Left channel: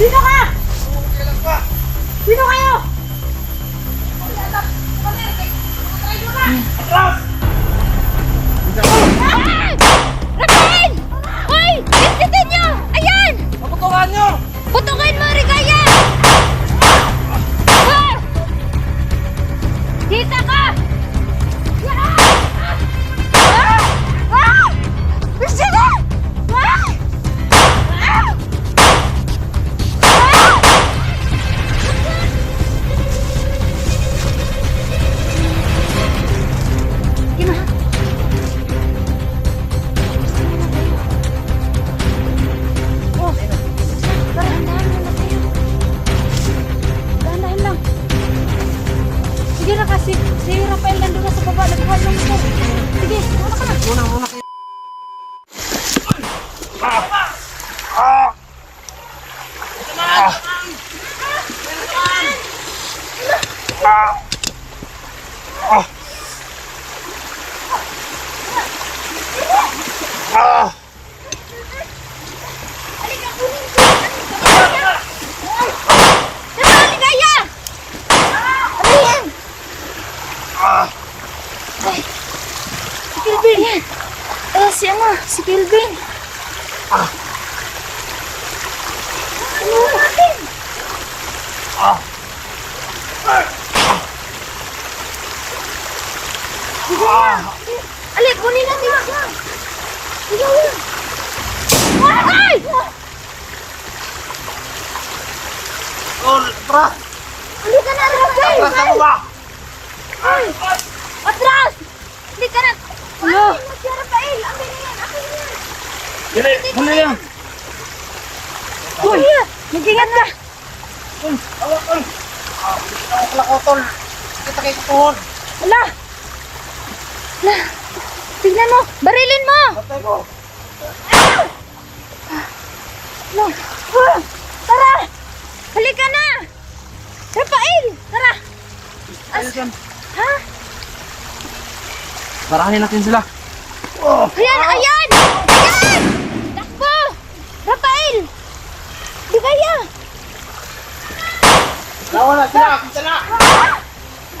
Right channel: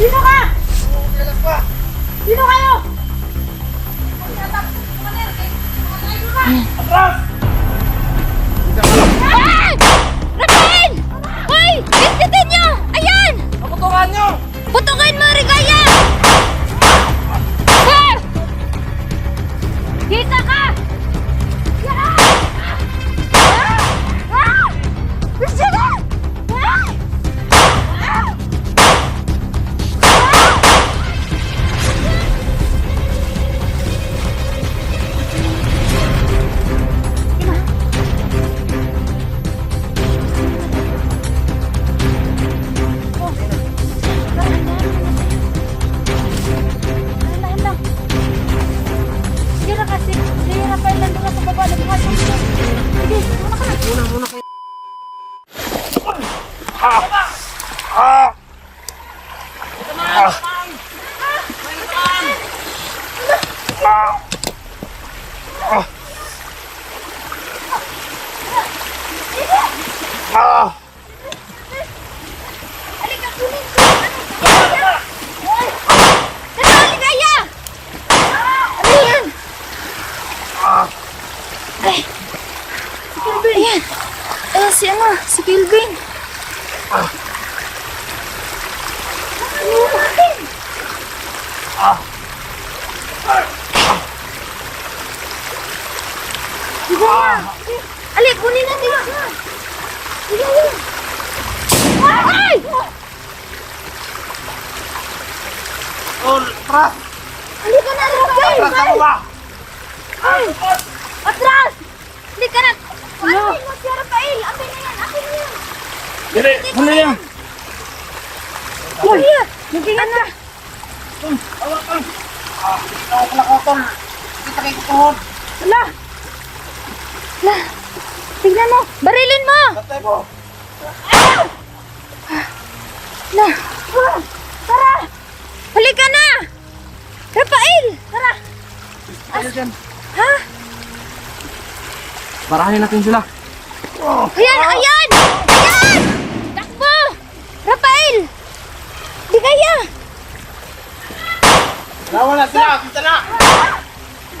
Sino ka? Kailan pa? Sino kayo? Atras! Ay! Rafael! Hoy! Istikin nyo! Ayan! Paputukan nyo! Putukan mo, Rigaya! Hoy! Kita ka! Ayan. Ayan si Kelvin. Ali, kunin natin siya. Ay! Oh, atras! Hindi ka na, Rafael! Atras ka mo ba? Ay! Atras! Hindi ka na! Ano? Si Rafael! Amin na yan! Amin na yan! Dili! Dili yan! Kuya! Mag-ingat ka! Awak ka! Ako pala kotol! Kita kayo kutuhon! Wala! Wala! Tignan mo! Barilin mo! Patay mo! Wala! Tara! Huli ka na! Rafael! Tara! Ha? Parahanin natin sila! Ayan! Ayan! Ayan! Takbo! Rafael! Di kaya! Lawan na sila! Kita na!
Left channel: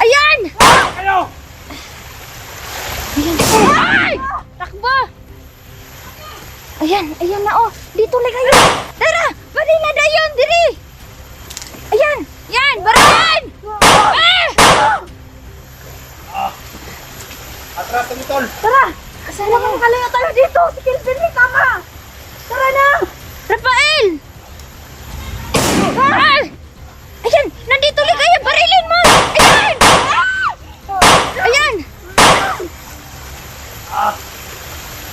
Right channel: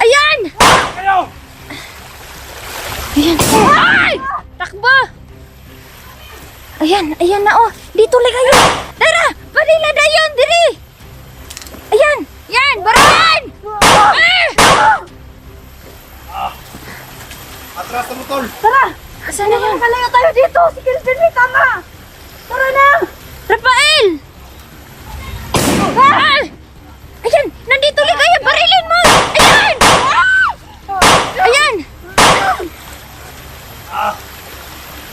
Ayan! Kayo! Ayan! Ay! Takbo! Ayan! Ayan na oh! Dito lang kayo! Tara! Barila na yun! Diri! Ayan! Yan! Barilan! Ah! Atras na mo tol! Tara! Asan na lang kalayo tayo dito? Si Kelvin may tama! Tara na! Rafael! Ah! Ayan! Nandito lang kayo! Barilin mo! Ayan! Ayan!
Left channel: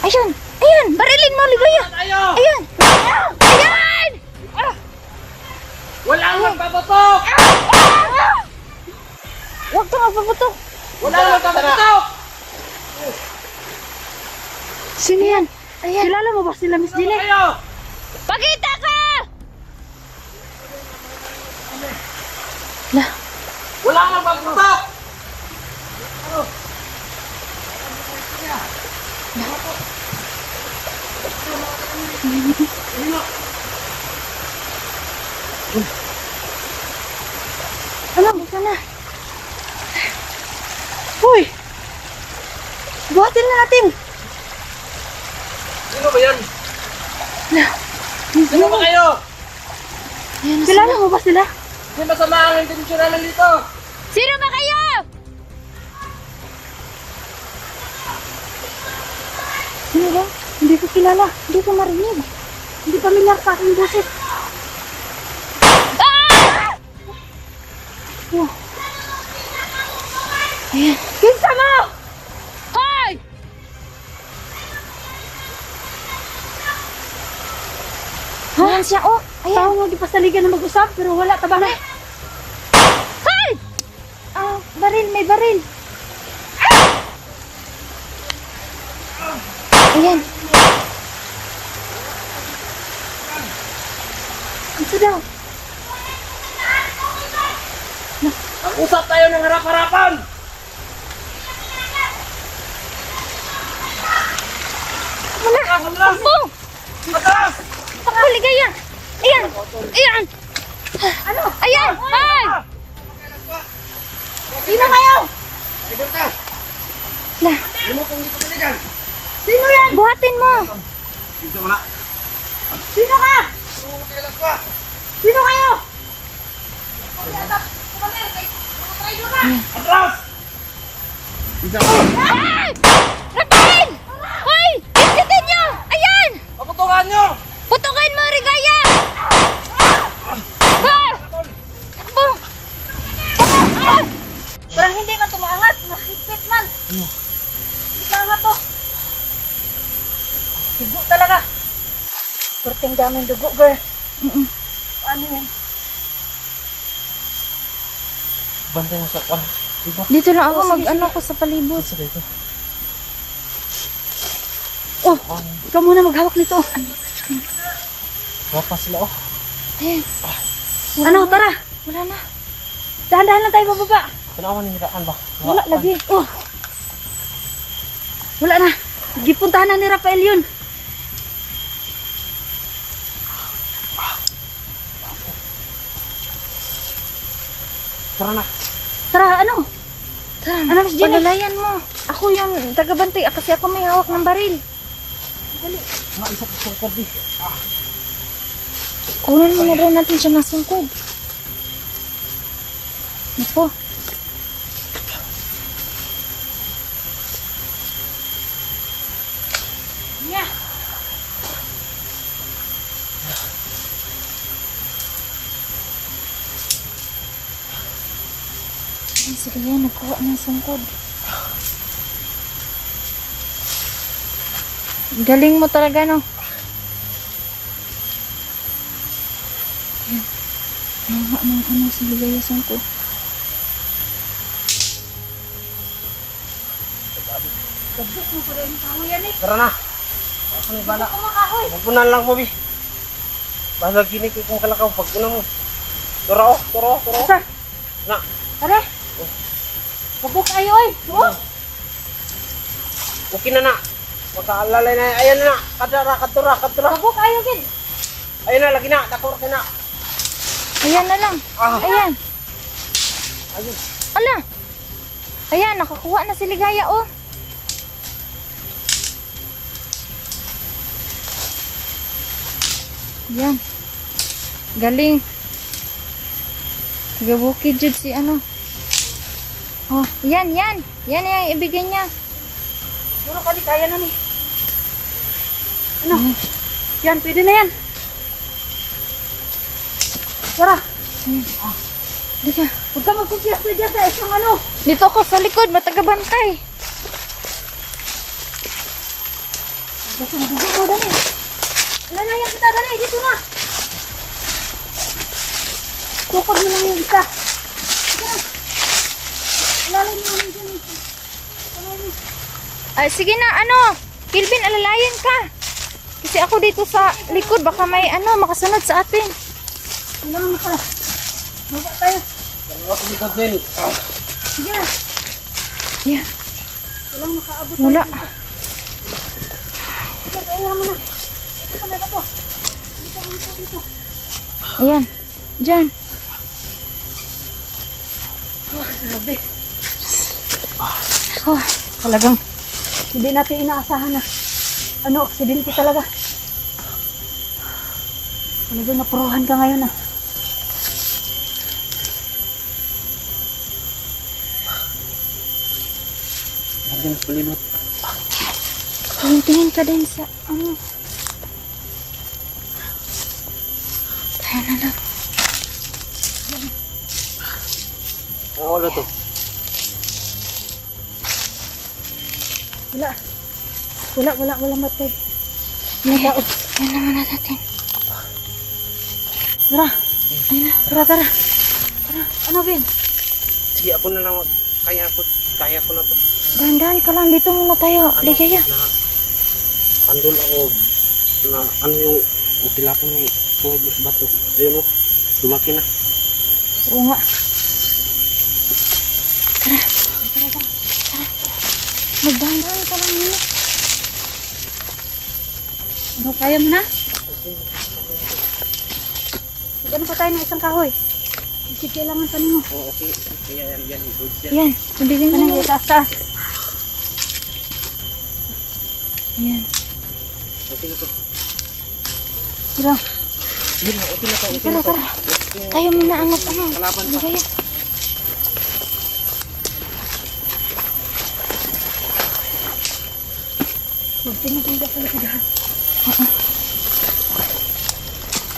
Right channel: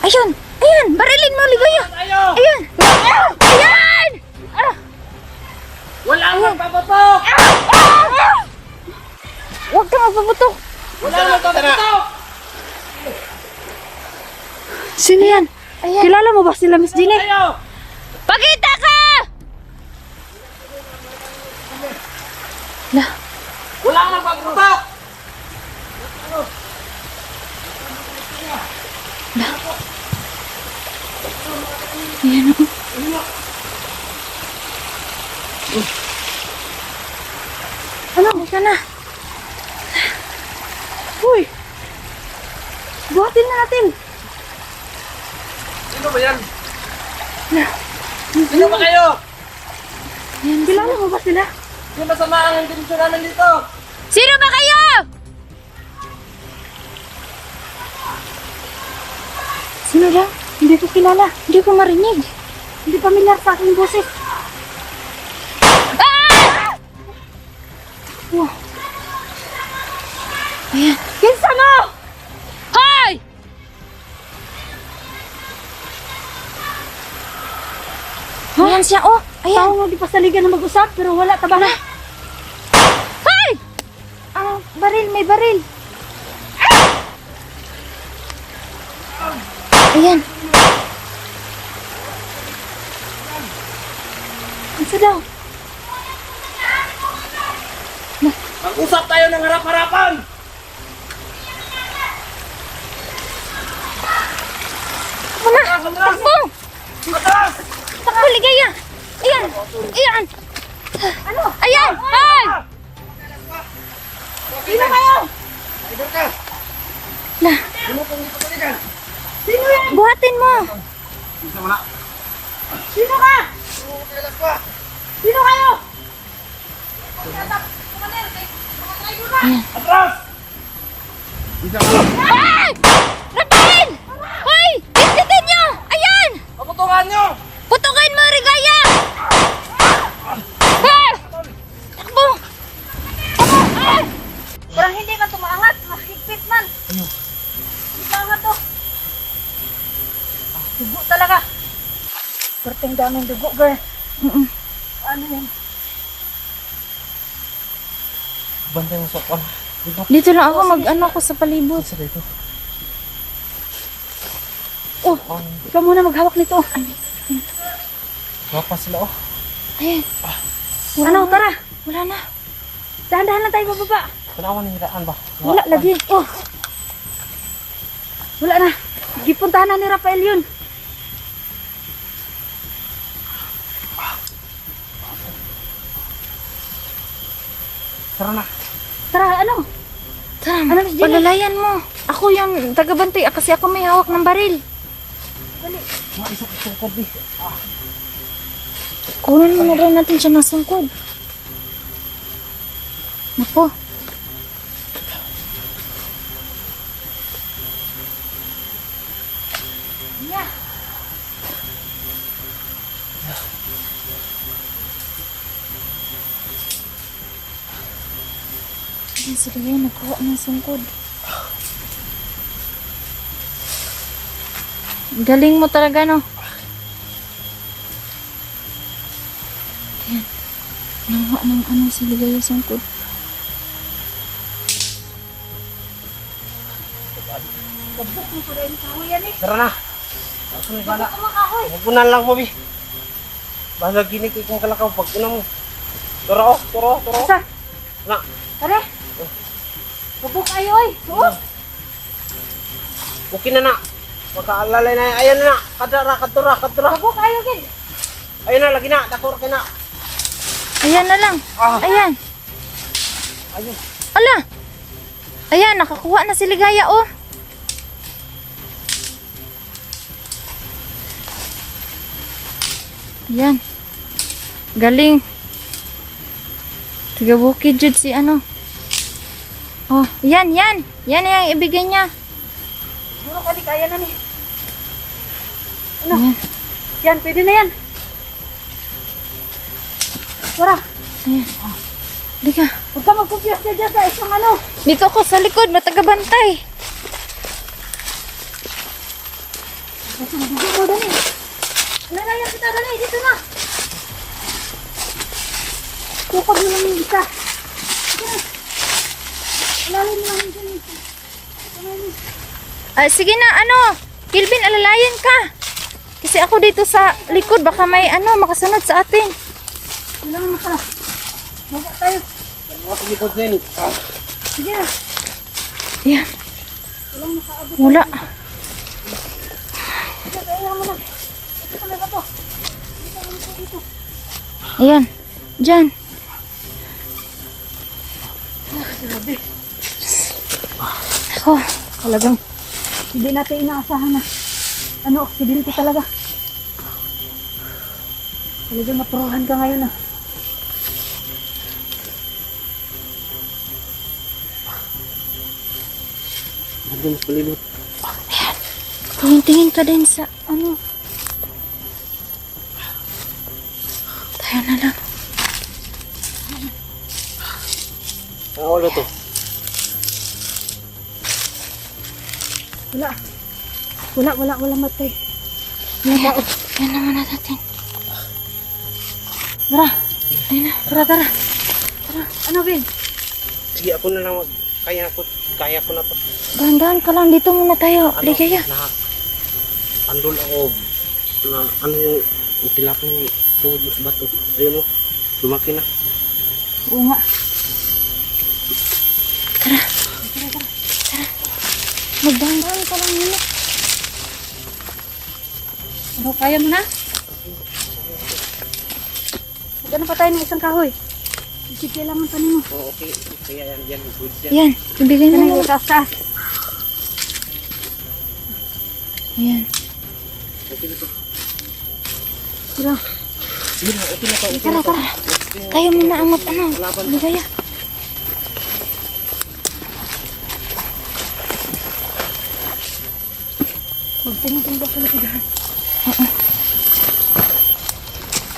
Ayun! Ayan! Barilin mo, Ligaya! Tayo! Ayan! Ayan! Ah! Wala nang paputok! Huwag kang magpaputok! Wala nang paputok! Sino yan? Ayan! Kilala mo ba sila, Miss Jenny? Tayo! Pakita ka! Lah, Wala nang paputok! Ano? Ika na! uy! Buhatin na natin! Sino ba yan? Lah, Sino ba kayo? Ayan na sila! kilala mo ba sila? Hindi masama ang intensyon namin dito! Sino ba kayo? Sino ba? Hindi ko kilala. Hindi ko marinig. Hindi pamilyar sa aking boses. Ah! Wow. Ayan. Kinsa mo! Hoy! Ayan siya, oh! Ayan! Tao mo di pa saligan na mag-usap pero wala tabala. Hoy! Ah, baril, may baril. Ayan. Kinsa daw? Mag-usap tayo ng harap-harapan! Wala! Atras! Takbo! Atras! Takbo, Ligaya! Ayan! Ayan! Ano? Ayan! Ay! Sino kayo? Idol ka! La, Hindi mo kung hindi pa dali dyan. Sino yan? buhatin mo! Dito mo na. Sino ka? Ano mo kailan ka? Sino kayo? Atras! Dito mo. Ay! Rapitin! Hoy! Putukin nyo! Ayan! Pakutungan nyo! Putukin mo, Rigaya! Ah! Takbo! Ah! Parang hindi ka tumaangat. Mahigpit man. Ano? Hindi maangat to. Dugo talaga. Perting daming dugo, girl. Ano yan? Bantay mo sa kwan. Dito. Dito lang ako mag-ano ko sa palibot. Sa dito. Oh, ikaw muna maghawak nito. Wapa sila oh. Ayan. Ano, tara. Wala na. Dahan-dahan lang tayo bababa. Tanawan ni Raan ba? Wala lagi. Oh. Wala na. Gipuntahan na ni Rafael yun. Tara na. Tara, ano? Tara, Ano, Miss Jenny? palalayan mo. Ako yung tagabantay kasi ako may hawak ng baril. Mga isang sungkod di. Kunin mo na daw natin siya ng sungkod. Naku. Ay, sige yan, nakuha ng sungkod. Galing mo talaga, no? Ayan. Nakuha ng ano sa ligay yung sungkod. Gabok mo pa daw yung kahoyan eh. Tara na. Ako na bala. Gabok mo makahoy. Magpunan lang mo bi. Basta gini ko kung kalakaw pagpunan mo. Tara oh, tara oh, tara. Asa? Na. Tara. Gabok kayo oy. Oo. Okay na na. Makaalalay na. Ayan na. Kadara, kadura, kadura. Gabok kayo gid. Ayun na, lagi na. Dakor ka na. Ayan na lang. Ah. Ayan. Ayun. Ala. Ayan, nakakuha na si Ligaya, oh. Yan. Galing. Tiga bukid jud si ano. Oh, yan, yan. Yan yung ibigay niya. Siguro ka di kaya na ni. Ano? Yan, pwede na yan. Tara. Ayan. Liga. Huwag ka magkumpiyas na dyan sa isang ano. Dito ako sa likod, matagabantay. Basta madugo mo, Dani. Alalayan kita, Dani. Dito na. Tukod mo lang yung isa. Sige na. Alalayan mo lang yung isa. Alalayan mo. Ah, sige na, ano. Kilvin, alalayan ka. Kasi ako dito sa likod, baka may ano, makasunod sa atin. Ilang mo pala. Maga tayo. Dalawa ko likod na yun. Sige na. Yan. Ilang makaabot. Wala. Sige, kaya mo na. Ito ka na po. Dito, dito, dito. Ayan. Diyan. Oh, grabe. Oh. Talagang hindi natin inaasahan na ano, aksidente talaga. Talagang napuruhan ka ngayon ah. Lagi mas palibot. Tingin ka din sa ano. Tayo na lang. Ang ulo to. Wala matay. Ayan. Ayan naman natin. Tara, tara. Ano, Ben? Sige, ako na lang. Kaya ko na to. Dahan-dahan ka lang. Dito muna tayo. Ligaya. Andun ako. Na, ano yung tilapon yung tuhod mo sa bato. Ayun o. Lumaki na. Oo nga. Magdahan-dahan ka lang muna. Ano, kaya mo na? Ano pa tayo ng isang kahoy? Kasi kailangan pa nino. Oo, okay. Kaya yan. Good yan. Ayan, ibigay Ano na yung lang. taas? Ayan. Okay na to. Diba? Sige na, okay na to. Okay na to. Tayo muna angat ano. Kalaban pa. Ibigay. Magtingin-tingin ka pala ka.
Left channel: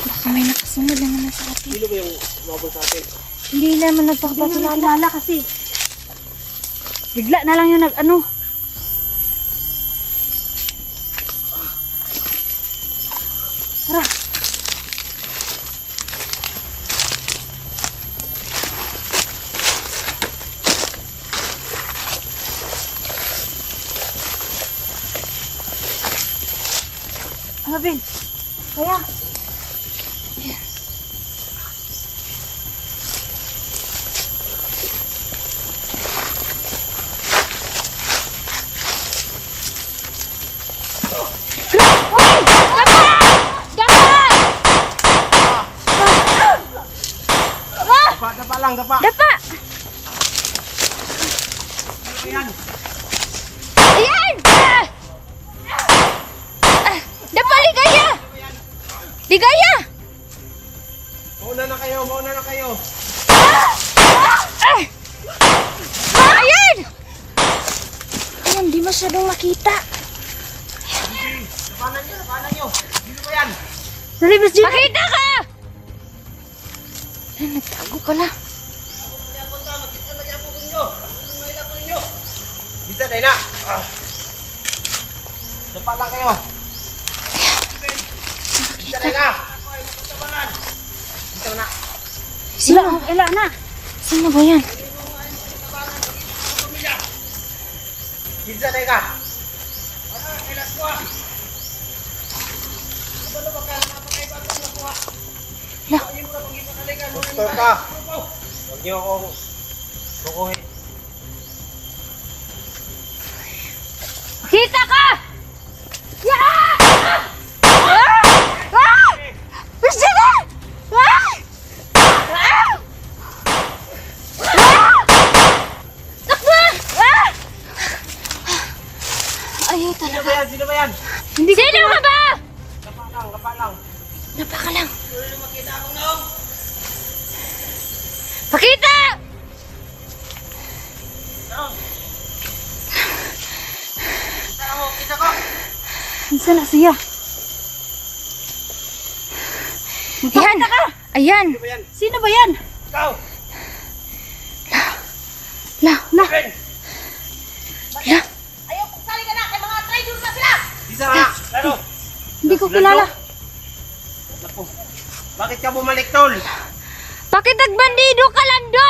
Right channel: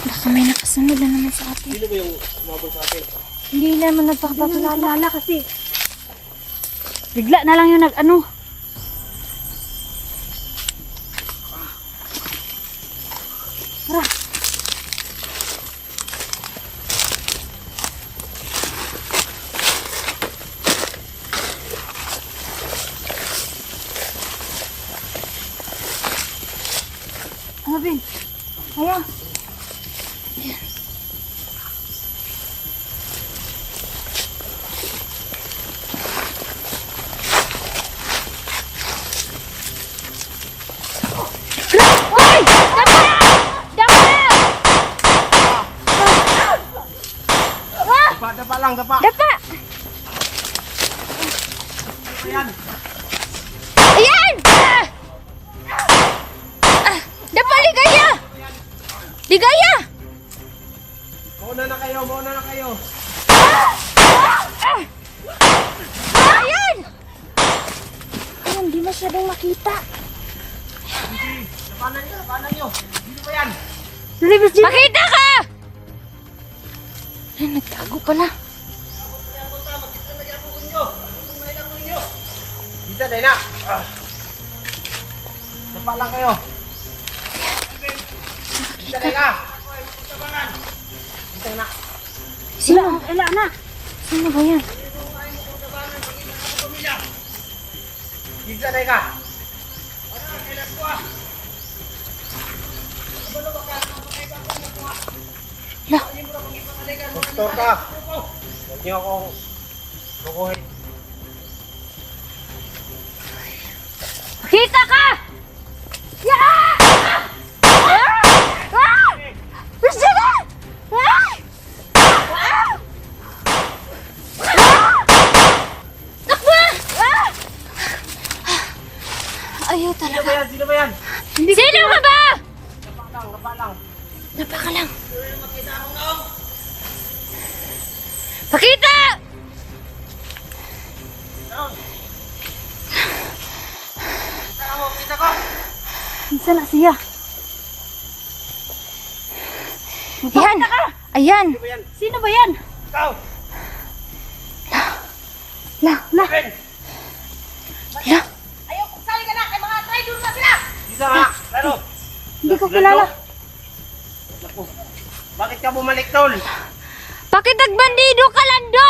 Baka may nakasunod na naman sa atin. Sino ba yung umabot sa atin? Hindi naman Patulala nagpapatulala. kasi. Bigla na lang yung nag-ano. Tara. Ano, Ben? Kaya. Uy! Dapa! Dapa! Dapa lang, dapa. Dapa! Ayan. Ayan! Dapa, ligaya! Ligaya! Mauna na kayo. Ayan! Ayan, di masyadong makita. Paano nyo? Sino ba yan? Nalibas dito. Makita ka! Ayan, nagtago pala. Bisa, Dayla. Dapa lang kayo. Bisa, Dayla. Bisa na. Sino? Wala na. Sino ba yan? Bisa, Dayla. Kailas ko ah. Kabalo ba ka? Napakaiba ko na ko ah. Lah. Ayun mo na pang ipatalikan. Huwag niyo akong bukuhin. Makita ka! Yeah! Gusto na! Takbo! Ayaw talaga. Sino ba yan? Sino ka ba? Dapa lang. Napaka lang. Sino makita akong naong? Pakita! Naong. Kita ko. Isa na siya. Ayan! Ayan! Sino ba yan? Sino ba yan? Ikaw. La! Ben. La! Ayaw, pagsali ka na. Kay mga traitor na sila. Bisa na. Lalo. Hindi ko kilala. Naku. Bakit ka bumalik, Tol? Bakit nagbandido ka, Lando?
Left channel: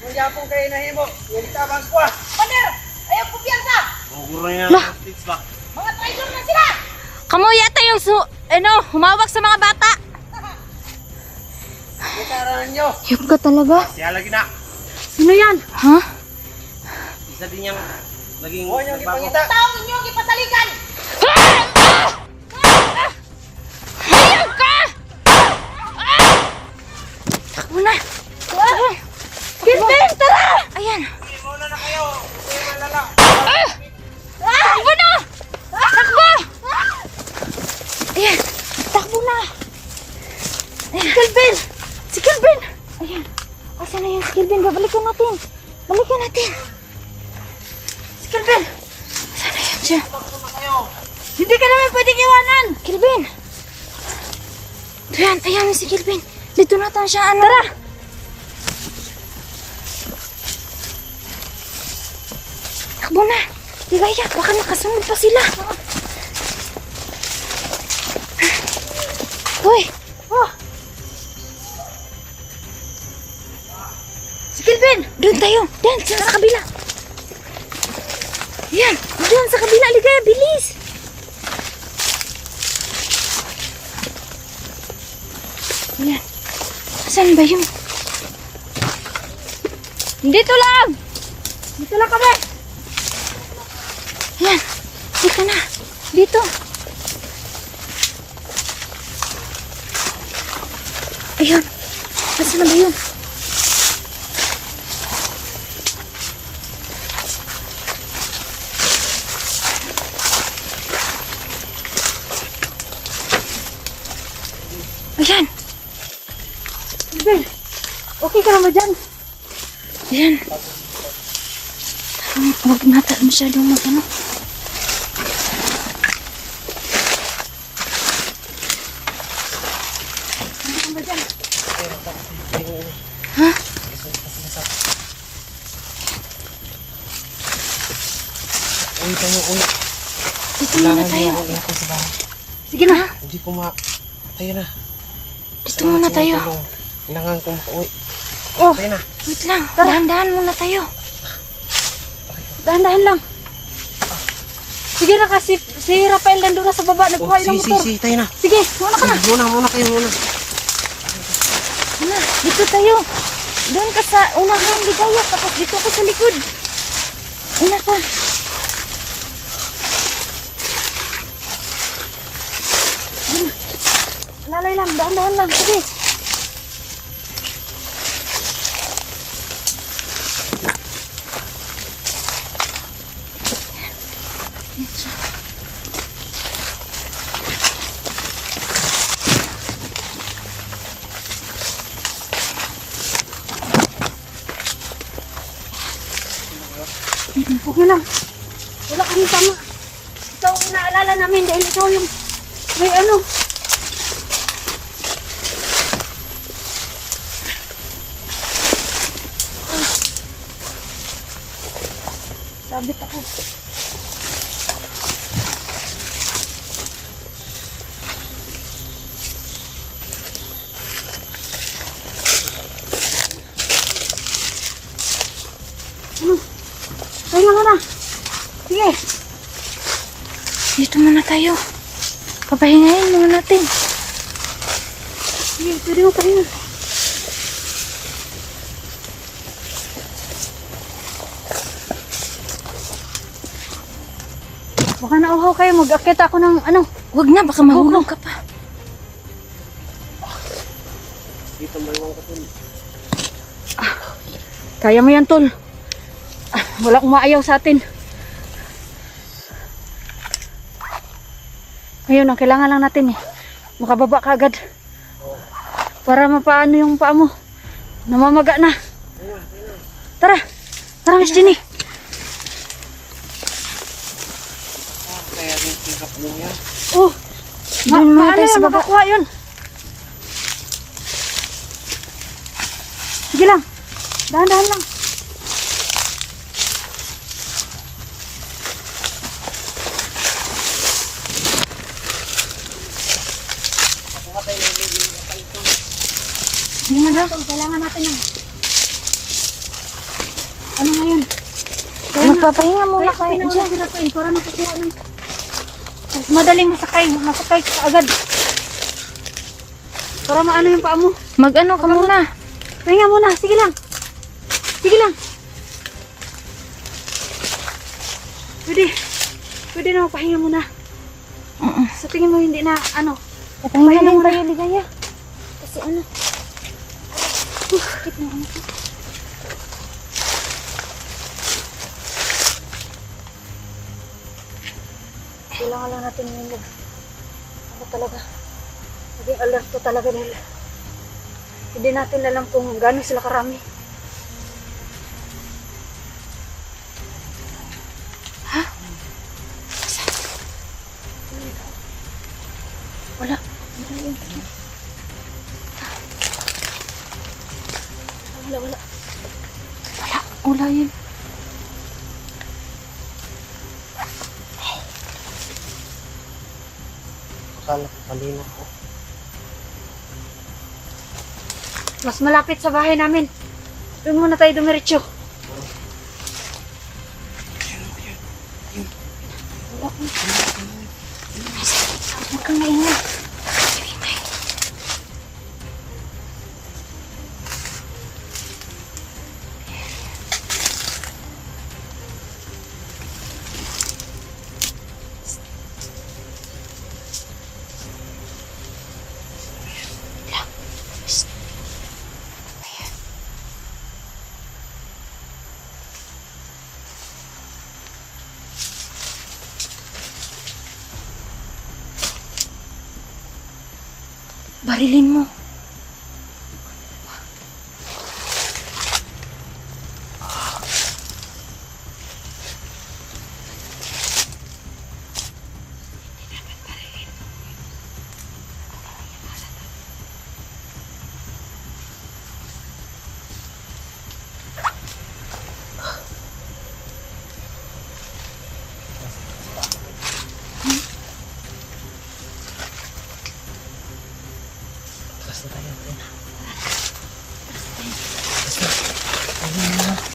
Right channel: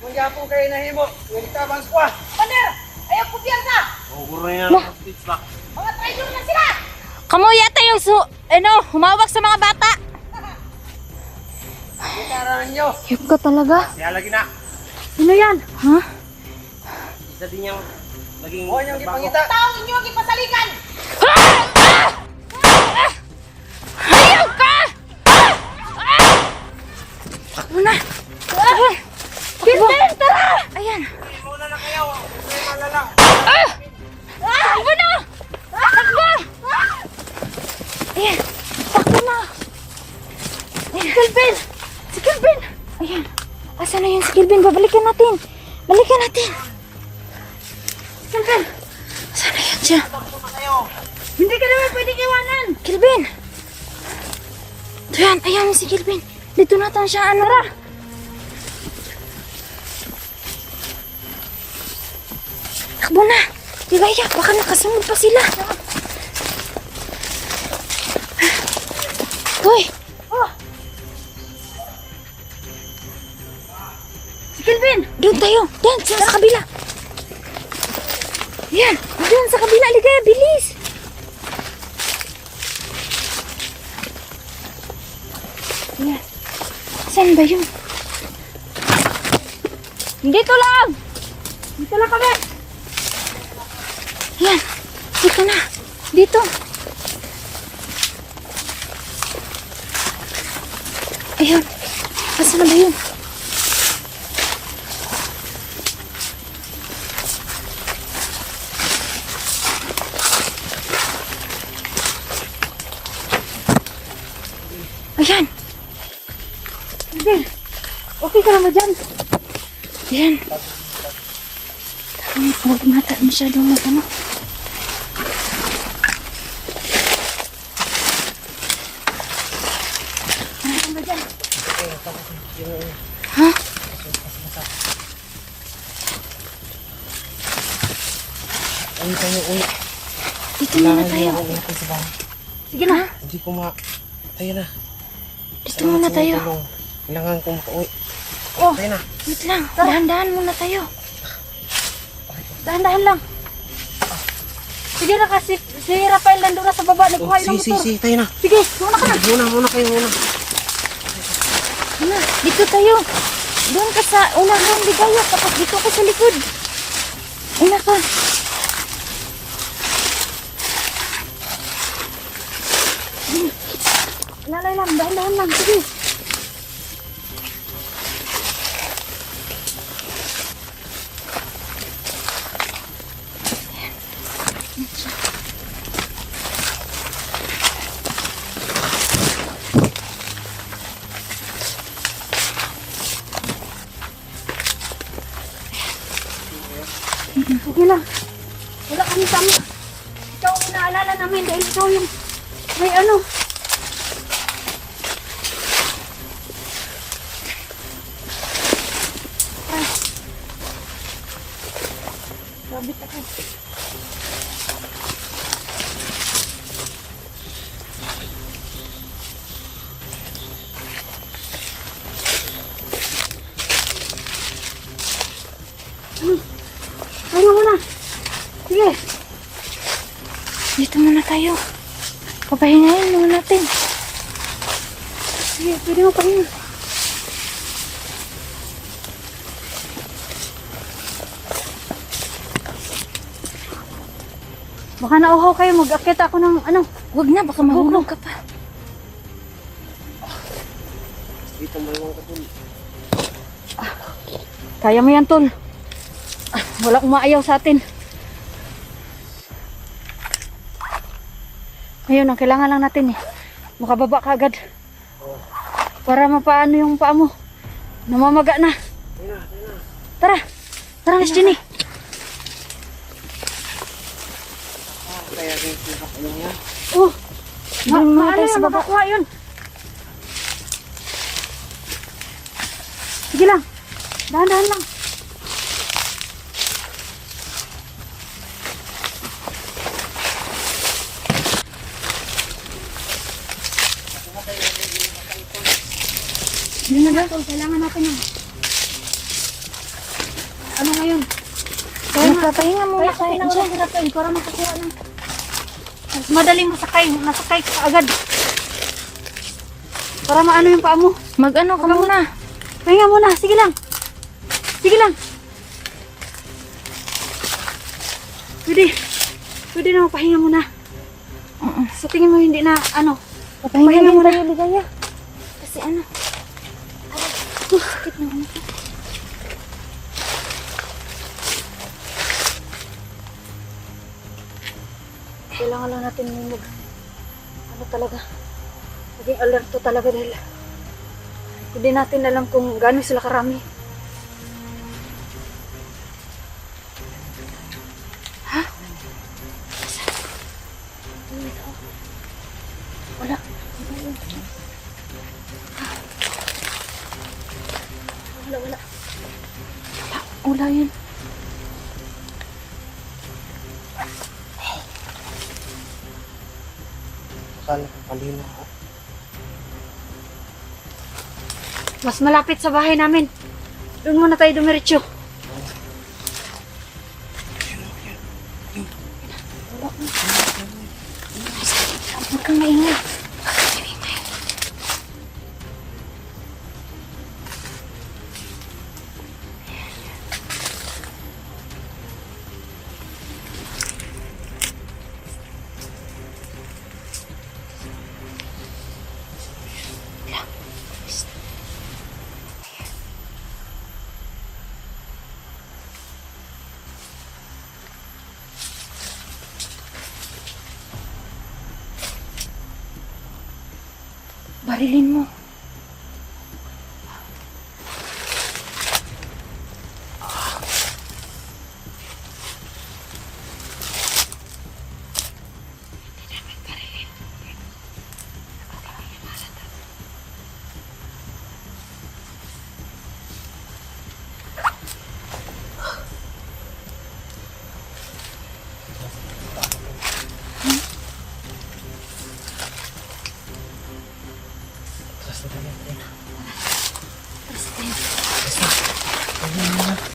Magyapong kayo na himo. Huwag tabang ko ah. Pander, ayaw kumpiyansa. Ang guro niya Lah. ng tips ba? Mga traitor na sila. Kamu yata yung humawak sa mga bata. Kutaran nyo. Yung ka talaga? Siya lagi na. Sino yan? Ha? Isa din yung naging... Huwag niyong ipangita. Taong inyong ipasaligan. Ayaw ka! Takbo na! Kilbin, tara! Ayan. Mauna na kayo. Kaya malala. Takbo na! Takbo! Ayan. Takbo na! Ayan. Kilbin! Si Kilbin! Ayan. Asan na yun si Kilbin? Babalikan natin. Balikan natin. Si Kilbin! Asan na yun siya? Hindi ka naman pwedeng iwanan. Kilbin! Ayan, ayan si Kilbin. Dito na tayo siya, ano? Tara! Takbo na! Ligaya, baka nakasunod pa sila. Hoy! Si Kelvin. Doon tayo! Doon, sa kabila! Ayan! Doon sa kabila, Ligaya, bilis! Ayan. Saan ba yun? Dito lang! Dito lang kami. Ayan! Dito na! Dito! Ayun. Asa na ba yun? Ayan. Ben, okay ka na ba dyan? Ayan. Huwag masyadong mag-ano. Ha? Uwi tayo, uwi. Dito muna tayo. ako natin sa bahay. Sige na. Hindi ko tayo na. Dito muna tayo. Kailangan ko makauwi. Oh, Tayo na. wait lang. Dahan-dahan muna tayo. Dahan-dahan lang. Sige na kasi si Rafael nandun na sa baba. Oh, Nagkuha ng motor. tayo na. Sige, muna ka na. Muna kayo, muna. Ano? Dito tayo. Doon ka sa unahan, Ligaya. Tapos dito ako sa likod. Una ka. Lalay lang, dahan-dahan lang. Sige. Okay lang. Wala kami tama. Ikaw ang naalala namin dahil ikaw yung may ano. Ay. Sabit ako. Wala mo na. Sige. Dito muna tayo. Papahingayin muna natin. Sige, pwede mo pa rin. Baka nauhaw kayo, mag-akit ako ng ano. Huwag na, baka mahulog ka pa. Dito mo lang ka dun. Kaya mo yan, tol. Wala akong maayaw sa atin. Ngayon, ang kailangan lang natin makababa ka agad. Para mapaano yung paa mo. Namamaga na. Tara. Tara, Miss Jenny. Kaya yung tingkap niya. Oh. Doon muna tayo sa baba. Makakuha yun. Sige lang. Dahan-dahan lang. Hindi mo daw, kailangan natin yun. Ano ngayon? Magpapahinga muna kayo dyan. Para makakuha ng mas madaling masakay ka agad. Para maano yung paa mo. Mag-ano ka muna. Pahinga muna, sige lang. Sige lang. Pwede na magpahinga muna. Sa tingin mo hindi na ano. Papahinga din muna. tayo, Ligaya. Kasi ano. Sakit na ano ko. Kailangan lang natin yung ano talaga. Maging alerto talaga nila. Hindi natin alam kung gaano sila karami. Ha? Wala. Wala. Wala yun. Akala ko kanina ako. Mas malapit sa bahay namin. Doon muna tayo dumiretso. Huwag kang maingay. Shh. Barilin mo.